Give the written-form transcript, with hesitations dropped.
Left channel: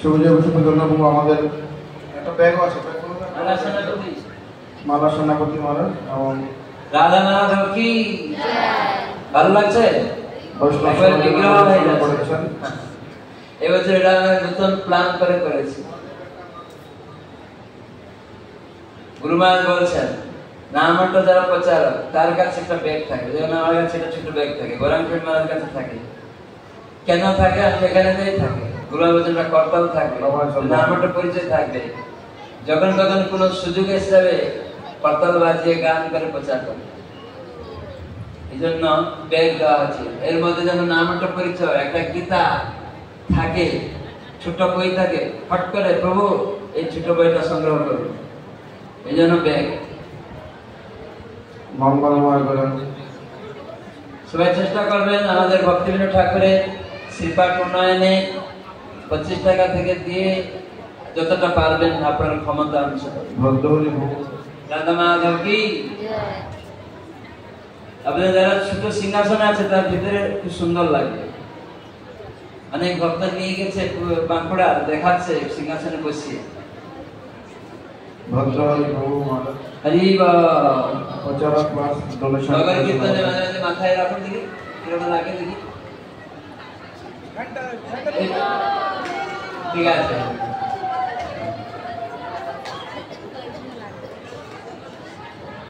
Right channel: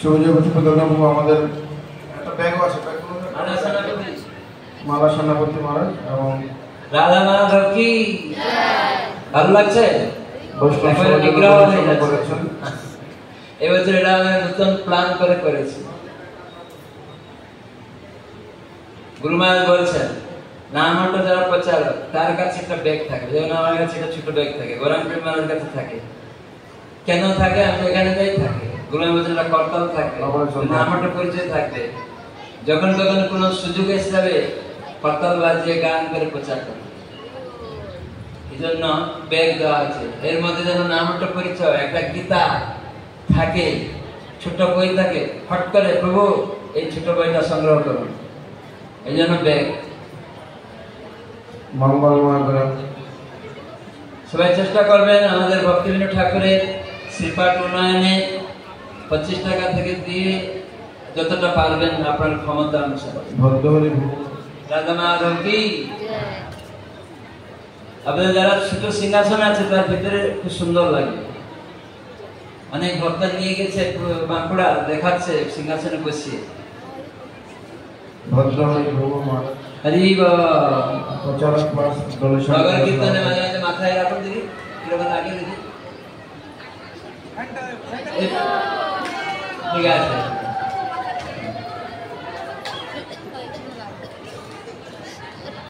সুবিজয় বসু প্রধানবাবু আমাদের একটা ব্যাগও আছে মালা সেনাপতি মহারাজ এবং রাধা মাধব কি ভালো লাগছে এবছর এটা আমরা নতুন প্ল্যান করে করেছি। গুরুমান বলছেন নামটা যারা প্রচারক তার কাছে একটা ব্যাগ থাকে, যেমন আমার কাছে একটা ছোট ব্যাগ থাকে, গোলাম প্রেমার কাছে থাকে। কেন থাকে? আমি এখানে থাকে গোলাম কর্তাও থাকবে, নামটা পরিচয় থাকবে। যখন তখন কোন সুযোগ হিসাবে কর্তাল বাজিয়ে গান করে প্রচার করে, এই জন্য ব্যাগ দেওয়া আছে। এর মধ্যে যেন নামটা পরিচয়, একটা গীতা থাকে, ছোট বই থাকে, হট করে প্রভু এই ছোট বইটা সংগ্রহ করুন, এই জন্য ব্যাগ। মঙ্গলময় করে সবাই চেষ্টা করবেন আমাদের ভক্তিবিনোদ ঠাকুরের শ্রীপাঠ উন্নয়নে 25 টাকা থেকে দিয়ে যতটা পারবেন আপনার ক্ষমতা অনুসারে। রাধা মাধব কি আপনাদের যারা ছোট সিংহাসনে আছে তার ভিতরে খুব সুন্দর লাগবে। অনেক ভক্ত নিয়ে গেছে বাঁকুড়া, দেখাচ্ছে সিংহাসনে বসিয়ে। মাথায় রাখুন দেখি কিরকম লাগে দেখি। ঠিক আছে।